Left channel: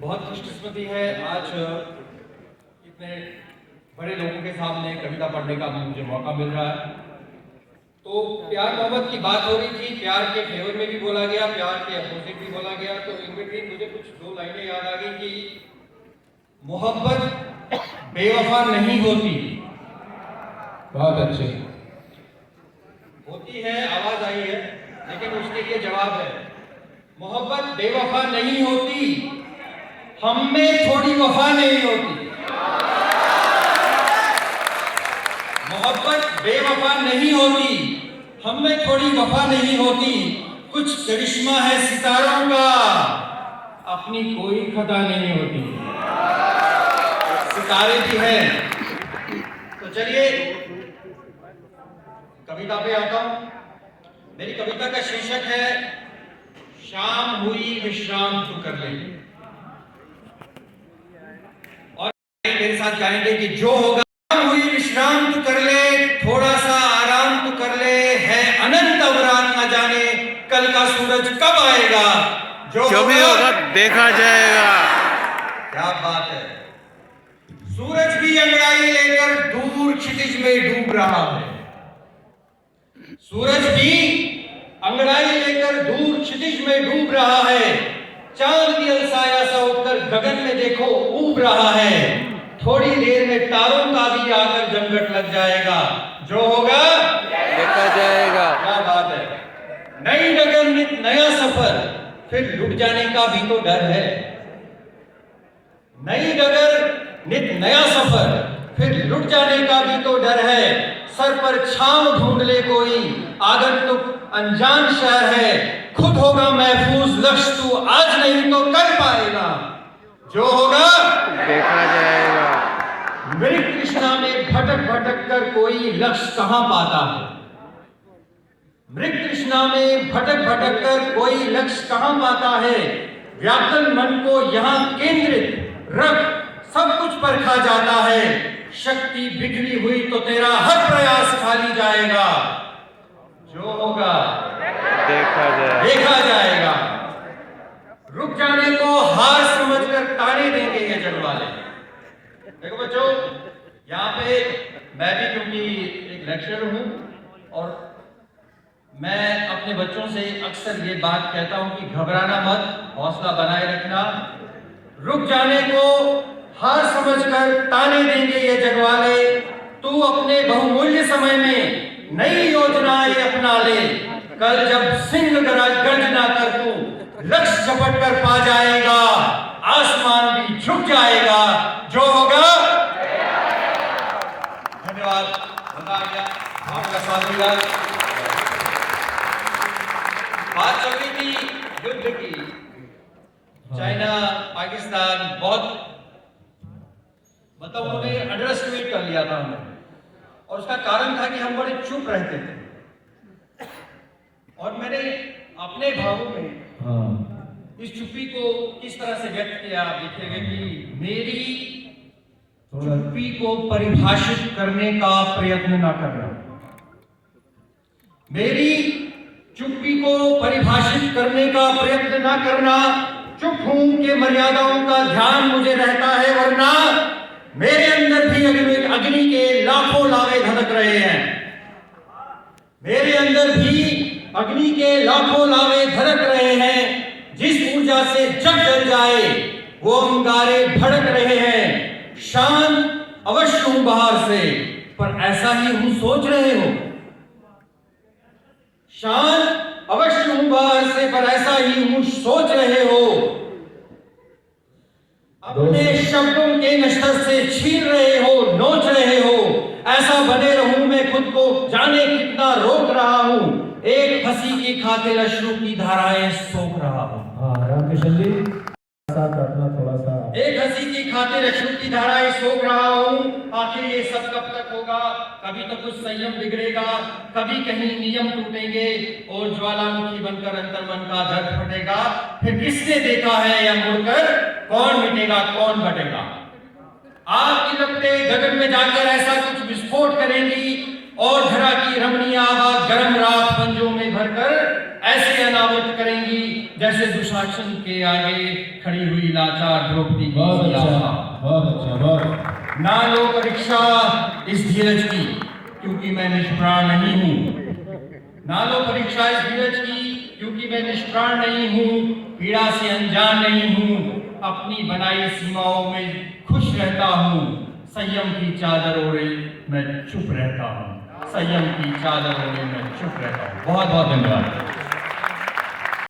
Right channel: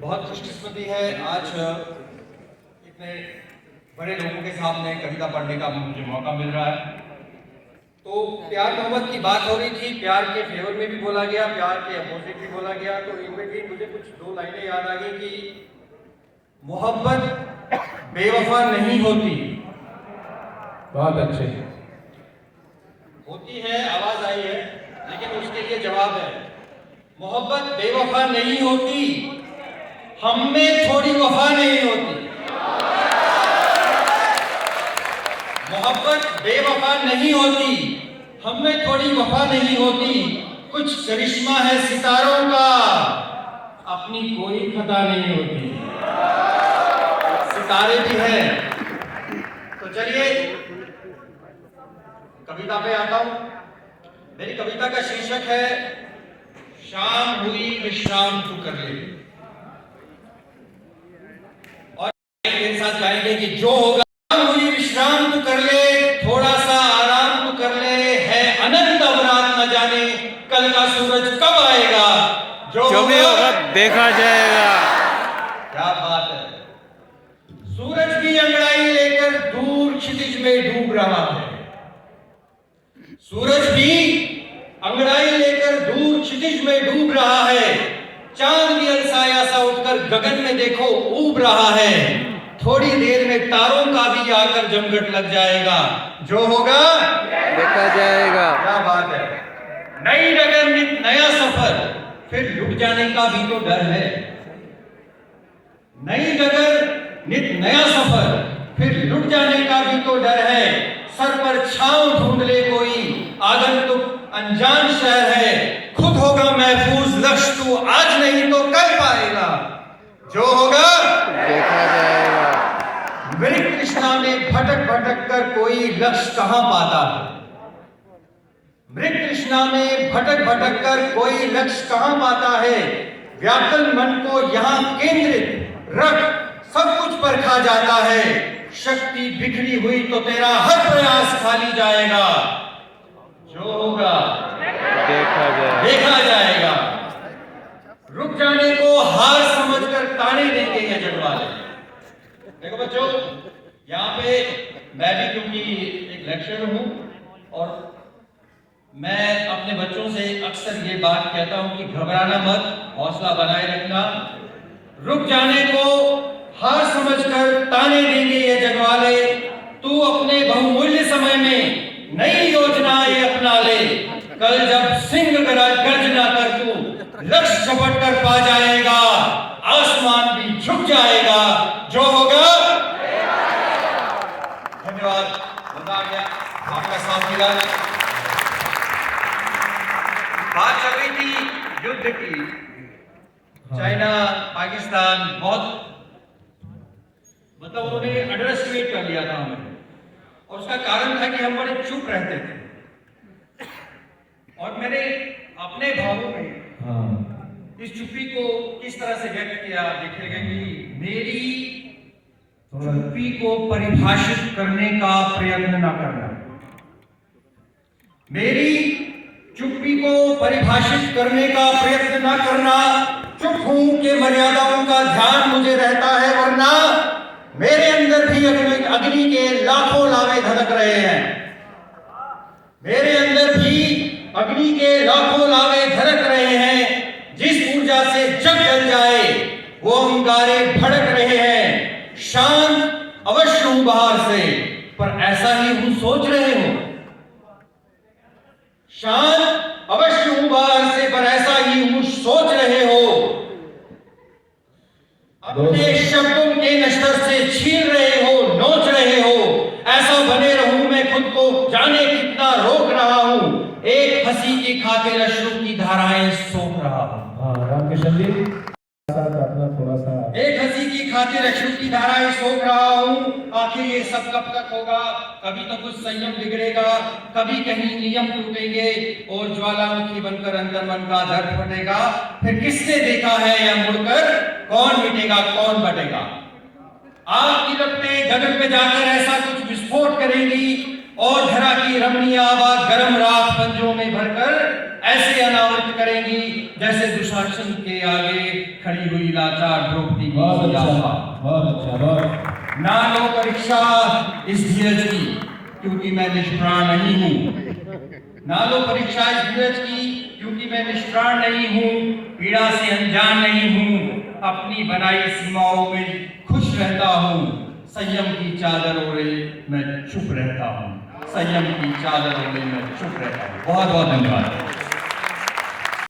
बहुत खुशकिस्मती है आज इतने बड़े लोगों के सामने कविता पढ़ने का मुझे मौका मिल रहा है। तो प्यार मोहब्बत की बात हो रही थी, प्यार के फेवर में भी बोला गया, प्यार के अपोजिट भी बोला गया। तो इन बिटवीन मुझे कुछ दो लाइनें याद आ गई कि मोहब्बत बेवफा नहीं होती। बहुत अच्छे। होती है, आवाज आई है, लेकिन उसके लिए जवाब है। मोहब्बत बेवफा नहीं होती, हम में थोड़ी वफा नहीं होती। मोहब्बत बेवफा नहीं होती, हम में थोड़ी वफा नहीं होती। कुछ करिश्मा है सितारों का, अपनी कोई खता नहीं होती। सितारे भी हैं। तो चलिए कविता पे आता हूं। मेरी कविता का शीर्षक है शाम हुई विश्राम तू कर ले। और मेरे साथ गाएंगे कि जो होगा हुई विश्राम तू कर ले, थोड़ा सा आराम तू कर ले, है अनंत अवरात न जाने कल का सूरज कब आएगा। जो भी होगा देखा जाएगा। क्या बात है। सूरज भी अंगड़ाई लेकर दूर क्षितिज में डूब रहा है। सूरज भी अंगड़ाई लेकर दूर क्षितिज में डूब रहा है। चांद भी अलसाया सा उठकर गगन में देखो ऊब रहा है। थोड़ी देर में तारों का भी आकर जमघट लग जाएगा। जो होगा देखा जाएगा। क्या बात है। नई डगर नित नया सफर, फिर लुट जाने का भी तो डर है। नई डगर नित नया सफर, फिर लुट जाने का भी तो डर है। सर पर छांव ढूंढ ले कोई, आगंतुक अनजान शहर है। खुद होगा महफूज लक्ष्य तू आज नहीं तो कल पाएगा। जो होगा देखा जाएगा। मृग तृष्णा में भटक भटक कर कोई लक्ष्य कहां पाता है। मृग तृष्णा में भटक भटक कर कोई लक्ष्य कहां पाता है। व्याकुल मन को यहां केंद्रित रख सब कुछ परखा जाता है। शक्ति बिखरी हुई तो तेरा हर प्रयास खाली जाएगा। जो होगा देखा जाएगा। रुक जाने को हार समझकर ताने देंगे ये जग वाले। देखो बच्चों, यहाँ पे मैं भी क्योंकि एक लेक्चरर हूं और मैं अपने बच्चों से अक्सर ये बात कहता हूं कि घबराना मत, हौसला बनाए रखना। रुक जाने को हार समझकर ताने देंगे ये जगवाले। तू अपने बहुमूल्य समय में नई योजनाएं अपना ले। कल जब सिंह गर्जना कर तू लक्ष्य झपट कर पा जाएगा। आसमान भी झुक जाएगा। जो होगा धन्यवाद। मजा आ गया आपका साथ मिला। बात चल रही थी युद्ध की। चाइना पाकिस्तान बहुत मतलब उन्होंने अंडर एस्टिमेट कर लिया था हमें, और उसका कारण था कि हम बड़े चुप रहते थे। और मैंने अपने भावों में इस चुप्पी को किस तरह से व्यक्त किया आप देखिएगा कि मेरी चुप्पी को परिभाषित करने का प्रयत्न न करना। मेरी चुप्पी को परिभाषित करने का प्रयत्न न करना। चुप हूं कि मर्यादाओं का ध्यान मुझे रहता है, वरना मेरे अंदर भी अग्नि के लाखों लावे धधक रहे हैं। मेरे अंदर भी अग्नि के लाखों लावे धड़क रहे हैं। जिस ऊर्जा से जग जल जाए वो अंगारे भड़क रहे हैं। शांत अवश्य हूं बाहर से, पर ऐसा ही हूं सोच रहे हो। शांत अवश्य हूं बाहर से, पर ऐसा ही हूं सोच रहे हो। अपने शब्दों के नश्तर से छीन रहे हो, नोच रहे हो। ऐसा बने रहूं मैं खुद को जाने कितना रोक रहा हूं। एक हंसी की खातिर अश्रु की धाराएं सोख रहा हूं। रामकिशन जी अपना थोड़ा सा। एक हंसी की खातिर अश्रु की धाराएं सोख रहा हूं। आखिर ये सब कब तक होगा। कभी तो कुछ संयम बिगड़ेगा, कभी कहीं नियम टूटेंगे और ज्वालामुखी बनकर अंतर्मन का धड़ फटेगा। फिर किसने देखा है या मुड़कर कौन मिटेगा कौन बटेगा। आग की लपटें गगन में जाकर ऐसा कुछ विस्फोट करेंगी और धरा की रमणीय आवाज गर्म रात पंजों में भरकर ऐसे अनावृत करेंगी जैसे दुशासन के आगे खड़ी हुई लाचार द्रौपदी की बहुत अच्छा, आभा। बहुत अच्छा, बहुत ना लो परीक्षा इस धीरज की, क्योंकि मैं निष्प्राण नहीं हूँ। ना लो परीक्षा इस धीरज की, क्योंकि मैं निष्प्राण नहीं हूँ, पीड़ा से अनजान नहीं हूँ, अपनी बनाई सीमाओं में खुश रहता हूँ। संयम की चादर ओढ़े मैं चुप रहता हूँ, संयम की चादर ओढ़े मैं चुप रहता हूँ। बहुत बहुत धन्यवाद।